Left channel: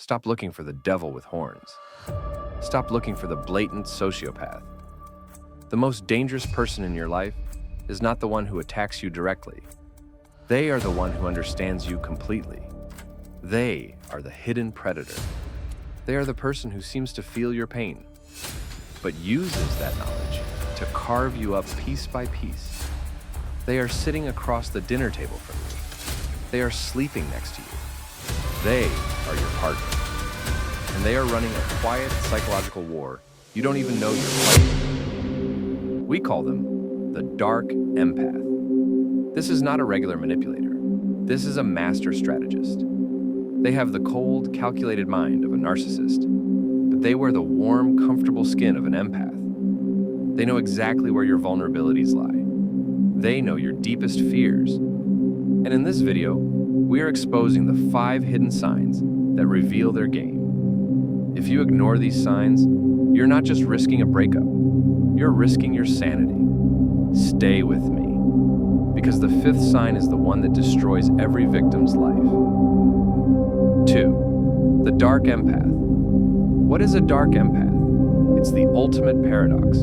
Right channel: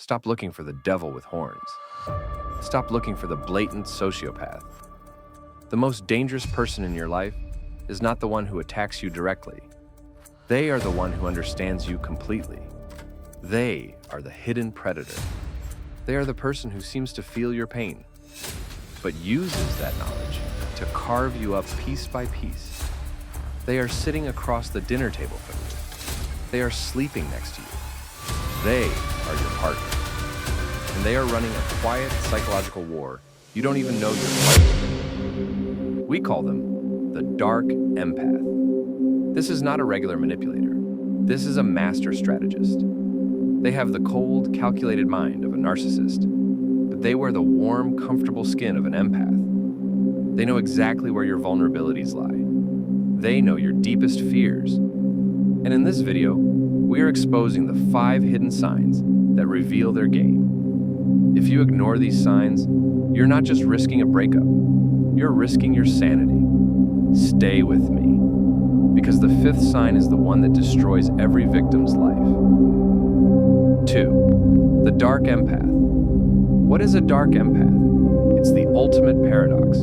Stop looking for the devil with horns. Stop looking for the blatant sociopath. The most dangerous person in your life is not the one who attacks you directly. They are the one who understands you completely. They are the hidden predator. They are the person who seems to feel your pain, but uses that knowledge to carve you up piece by piece. They are sitting across the dinner table from you. They are sleeping next to you. They are your partner. And they are running a quiet psychological war you don't even know you're fighting. We call them the dark empath. This is not a regular manipulator. This is a master strategist. They have the cold, calculated mind of a narcissist, but they wear the warm, comfortable skin of an empath. They know exactly where your vulnerabilities lie. They know your deepest fears. And in this video, we are exposing the 5 hidden signs that reveal their game. If you ignore these signs, you're not just risking a breakup, you're risking your sanity. Stay with me, because the 5th sign is the one that destroys every victim's life. 2. The dark empath. What is a dark empath? It's the ultimate paradox.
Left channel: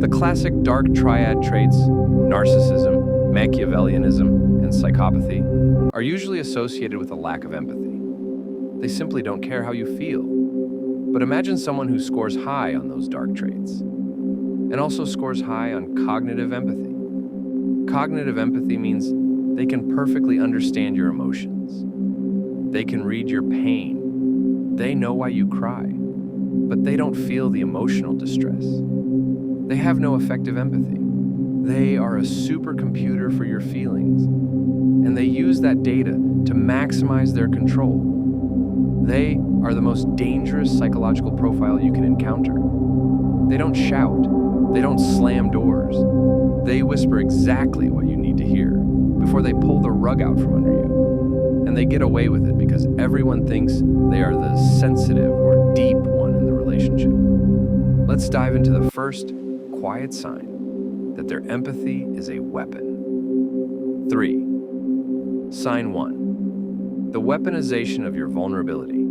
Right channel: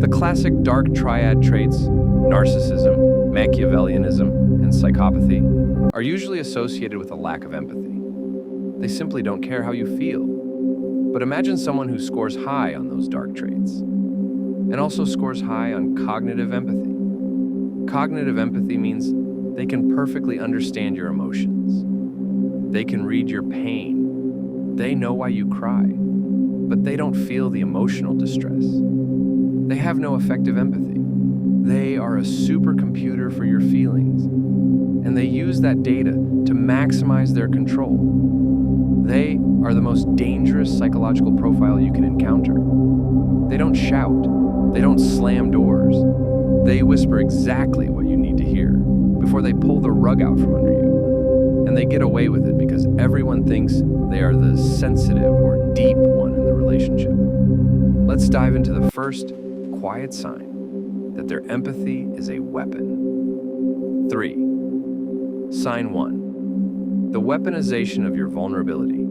The classic dark triad traits, narcissism, Machiavellianism, and psychopathy, are usually associated with a lack of empathy. They simply don't care how you feel. But imagine someone who scores high on those dark traits, and also scores high on cognitive empathy. Cognitive empathy means they can perfectly understand your emotions. They can read your pain. They know why you cry, but they don't feel the emotional distress. They have no effective empathy. They are a supercomputer for your feelings, and they use that data to maximize their control. They are the most dangerous psychological profile you can encounter. They don't shout. They don't slam doors. They whisper exactly what you need to hear before they pull the rug out from under you. And they get away with it because everyone thinks they are the sensitive or deep one in the relationship. Let's dive into the first quiet sign that their empathy is a weapon. 3. Sign 1. The weaponization of your vulnerability.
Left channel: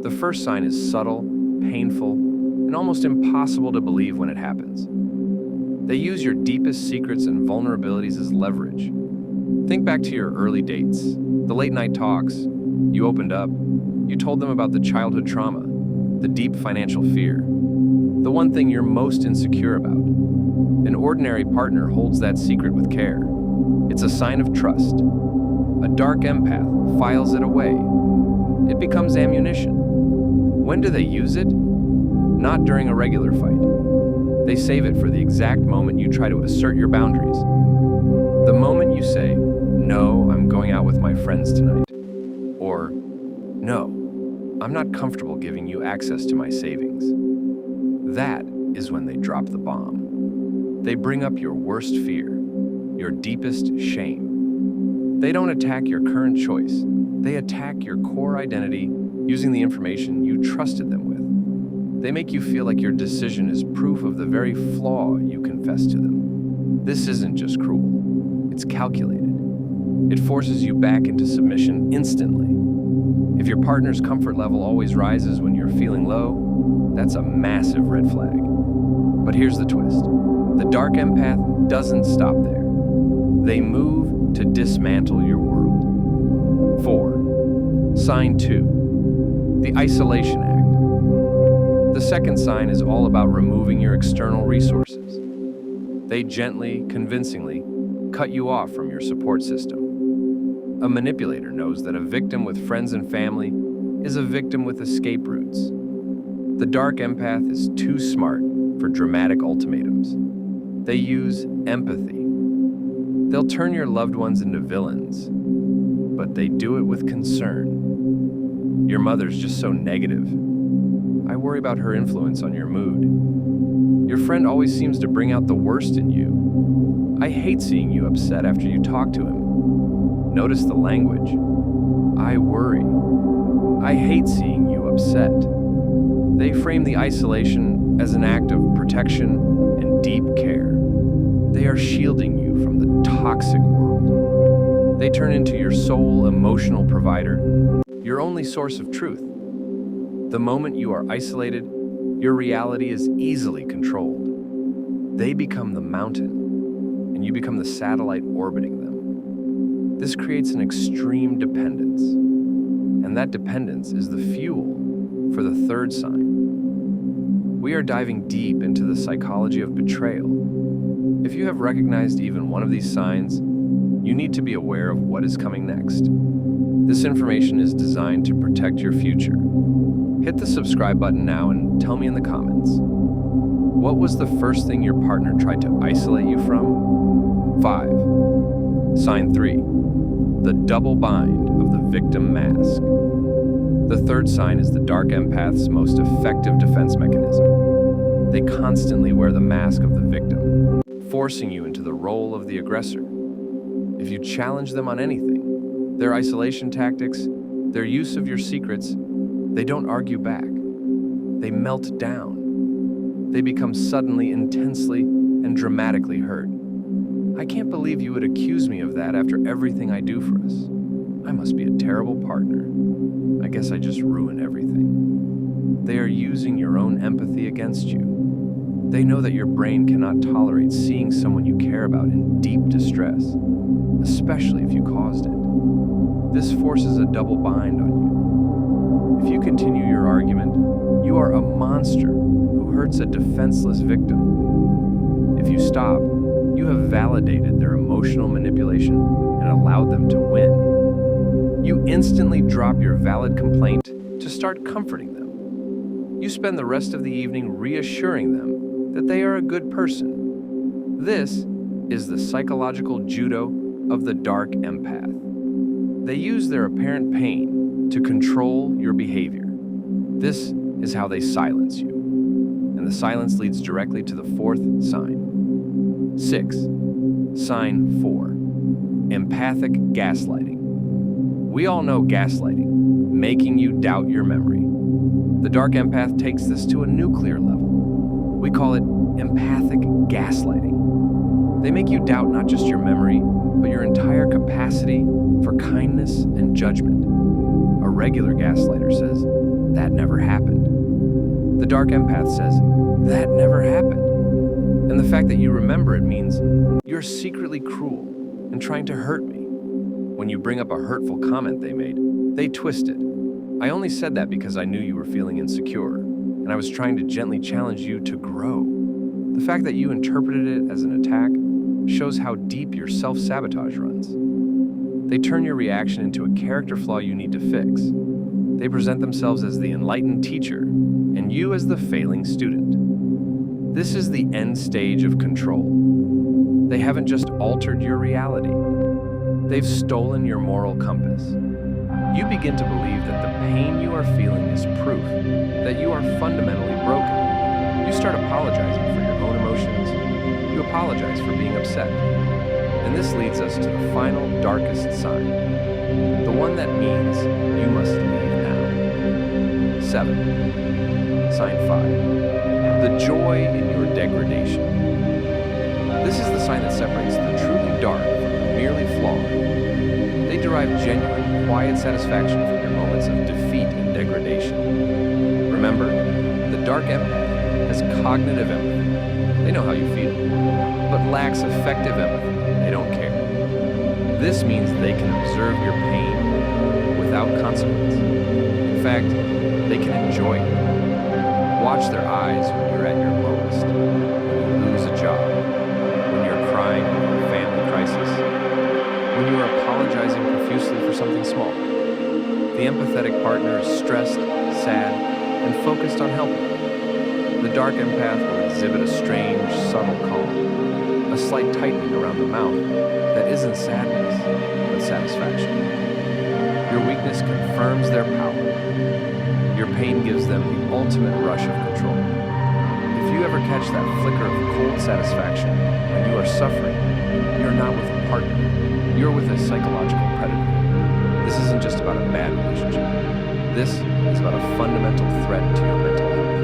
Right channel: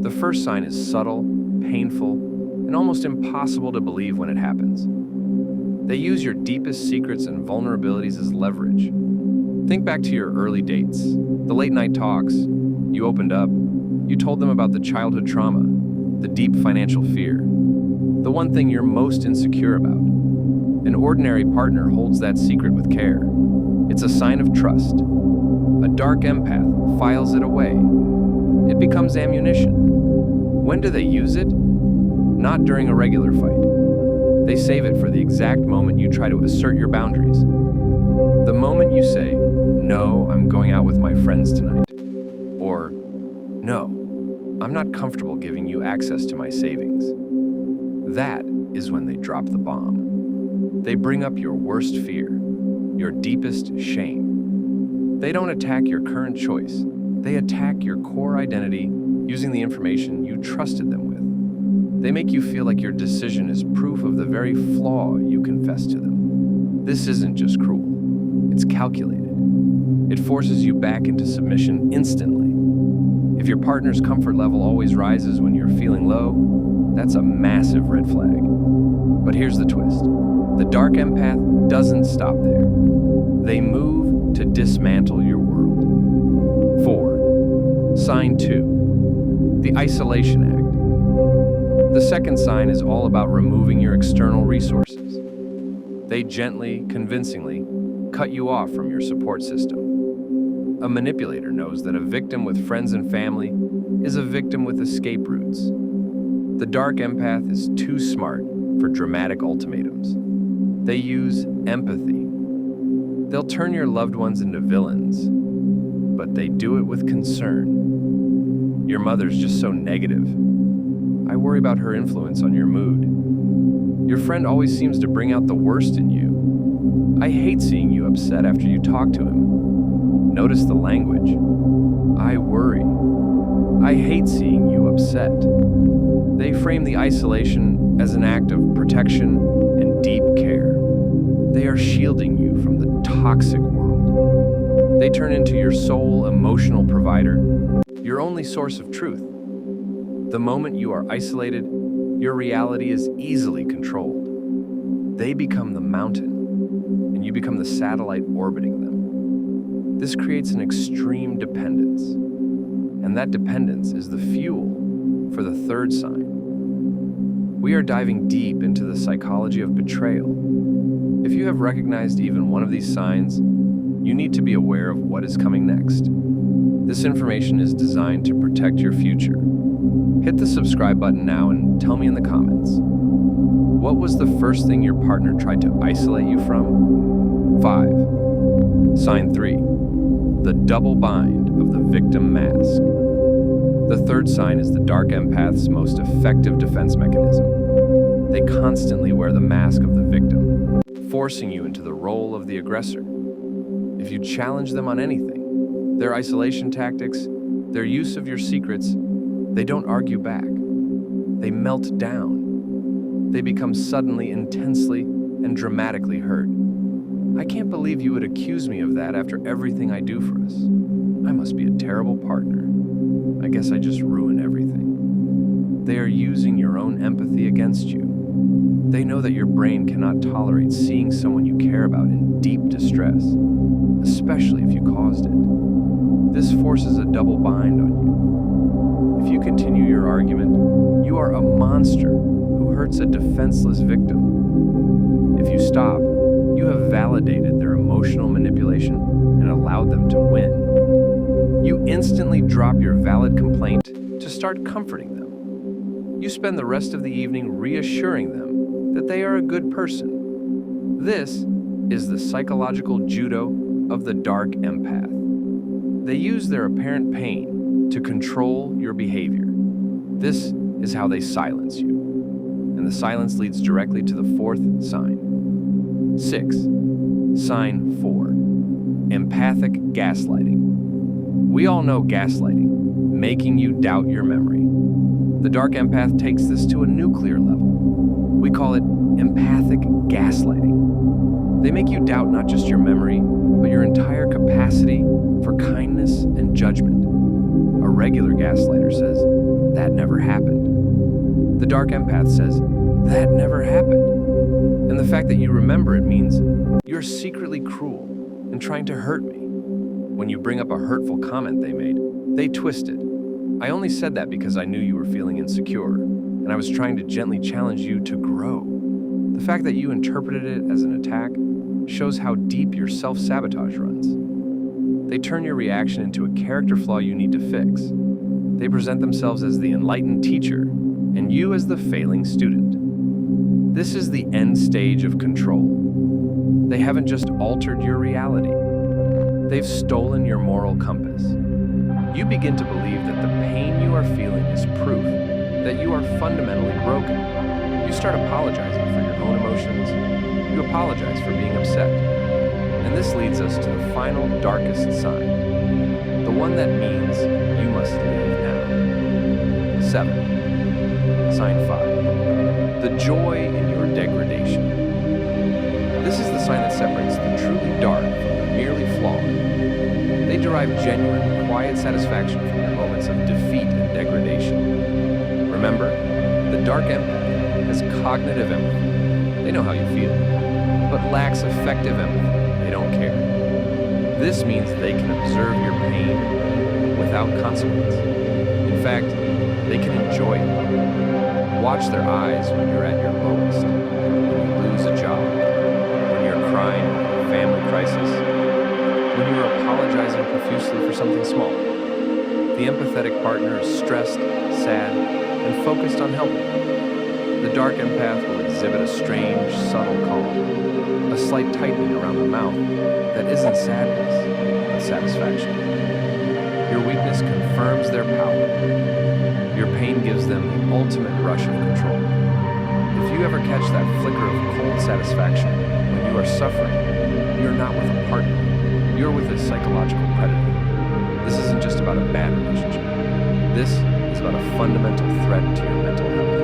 The first sign is subtle, painful, and almost impossible to believe when it happens. They use your deepest secrets and vulnerabilities as leverage. Think back to your early dates, the late-night talks. You opened up. You told them about the childhood trauma, the deep financial fear, the one thing you're most insecure about. An ordinary partner holds that secret with care. It's a sign of trust. A dark empath files it away. It becomes ammunition. When do they use it? Not during a regular fight. They save it for the exact moment you try to assert your boundaries. The moment you say, "No, I'm going out with my friends tonight," or "No, I'm not comfortable giving you access to my savings." That is when they drop the bomb. They bring up your worst fear, your deepest shame. They don't attack your current choice. They attack your core identity using the information you trusted them with. They make you feel like your decision is proof of the very flaw you confessed to them. This isn't just cruel. It's calculated. It forces you back into submission instantly. If your partner's comfort level always rises when you're feeling low, that's a massive red flag. But here's the twist. The dark empath doesn't stop there. They move to dismantle your world. 4. Sign 2. The Isolation Act. The second sign is all about removing your external resources. They gently, convincingly cut you off from your support system. A manipulator knows that a victim with friends and family is a victim with escape routes. The dark empath is too smart for dramatic ultimatums. They use empathy. They'll turn your loved ones into villains, but they do it with concern. Your mother's just so negative. I worry about her influence on your mood. Your friend always seems to bring out the worst in you. I hate seeing you upset after you talk to him. Notice the language. I worry. I hate seeing you upset. They frame the isolation as an act of protection and deep care. They are shielding you from the toxic world. They turn into your sole emotional provider your only source of truth. The moment you are isolated, your reality is easily controlled. They become the mountain, and you become the satellite orbiting them. This creates an extreme dependence, and that dependence is the fuel for the third sign. We are diving deep into the psychology of betrayal. If you have recognized even one of these signs, you need to be aware of what is coming next. This information is designed to protect your future. Hit the subscribe button now and tell me in the comments. What was the first thing your partner tried to isolate you from? 5. Sign 3. The double bind of the victim mask. The third sign is the dark empath's most effective defense mechanism. They constantly wear the mask of the victim, forcing you into the role of the aggressor. If you challenge them on anything, their isolation tactics, their use of your secrets, they don't argue back. They melt down. They become suddenly, intensely, and dramatically hurt. I can't believe you would accuse me of that after everything I do for us. I must be a terrible partner. I guess I just ruin everything. They are using your own empathy against you. They know that your brain cannot tolerate seeing someone you care about in deep distress, especially if you caused it. This forces a double bind on you. If you continue your argument, you are a monster who hurts a defenseless victim. If you stop, you have validated their emotional manipulation and allowed them to win. You instantly drop your valid complaint to start comforting them. You spend the rest of the evening reassuring them that they are a good person. This is the psychological judo of the dark empath. They use their apparent pain to control your behavior. This is how they silence you. And the silence leads directly to the fourth sign. 6. Sign 4. Empathic gaslighting. We all know gaslighting, making you doubt your memory. The dark empath takes this to a nuclear level. We call it empathic gaslighting. They make you doubt not just your memory, but your entire capacity for kindness and judgment. A regular gaslighter says, "That never happened." The dark empath says, "That never happened." And the fact that you remember it means you're secretly cruel and trying to hurt me. When you bring up a hurtful comment they made, they twist it. "I only said that because I knew you were feeling insecure, and I was trying to gently challenge you to grow." The fact that you interpreted it as an attack shows how deep your self-sabotage runs. They turn your reaction into a character flaw you need to fix. They present themselves as the enlightened teacher, and you as the failing student. This is the end stage of control. They haven't just altered your reality. They've stolen your moral compass. You begin to believe that the pain you are feeling is proof that you are fundamentally broken. You start apologizing for your own emotions. You apologize for being upset. And this leads us to the final darkest sign, the one that means you must leave now. 7. Sign 5. The joy in your degradation. This is the sign that separates the truly dark from the merely flawed. They derive genuine, quiet satisfaction from your moments of defeat and degradation. Remember, the dark empath has cognitive empathy. They know how you feel, but lacks effective empathy. They don't care. This means they can observe your pain without consequence. In fact, they can enjoy it. Watch their eyes when you're at your lowest, when you lose a job, when you're crying over a family crisis, when you are apologizing profusely for something small. The empathetic partner is stressed, sad, and focused on helping. The dark empath will exhibit a strange, subtle calm, a slight tightening around the mouth that isn't sadness, but satisfaction. Your weakness confirms their power. Your pain gives them the ultimate rush of control. If you ever catch that flicker of cold satisfaction when you are suffering, you're not with a partner. You're with a psychological predator. This isn't just about a bad relationship. This is about a fundamental threat to your mental health.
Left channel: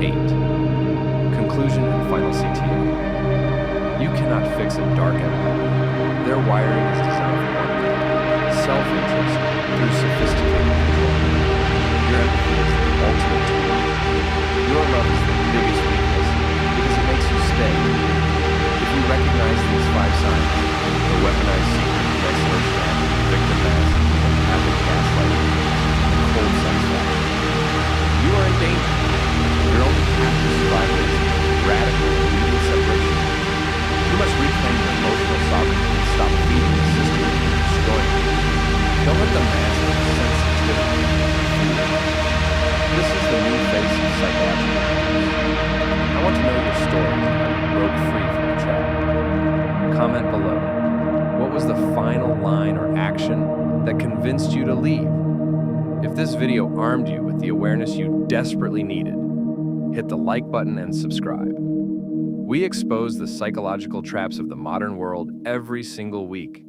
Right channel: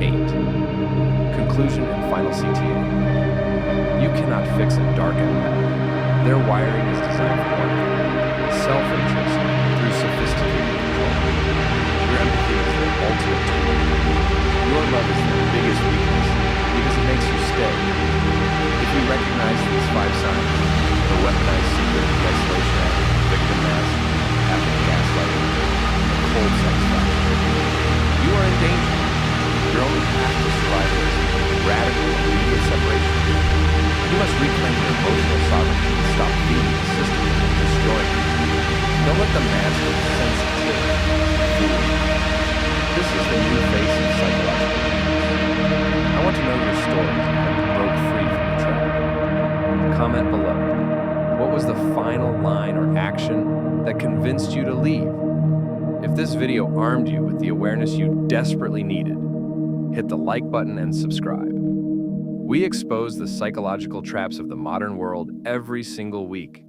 8. Conclusion and final CTA. You cannot fix a dark empath. Their wiring is designed for one thing: self-interest through sophisticated control. Your empathy is their ultimate tool. Your love is their biggest weakness because it makes you stay. If you recognize these 5 signs, the weaponized secret, the isolation act, the victim mask, the empathic gaslighting, and the cold satisfaction, you are in danger. Your only path to survival is radical, immediate separation. You must reclaim your emotional sovereignty and stop feeding the system that is destroying you. Don't let the mask of sensitivity fool you. This is the new face of psychological abuse. I want to know your stories and how you broke free from the trap. Comment below. What was the final line or action that convinced you to leave? If this video armed you with the awareness you desperately needed, hit the like button and subscribe. We expose the psychological traps of the modern world every single week.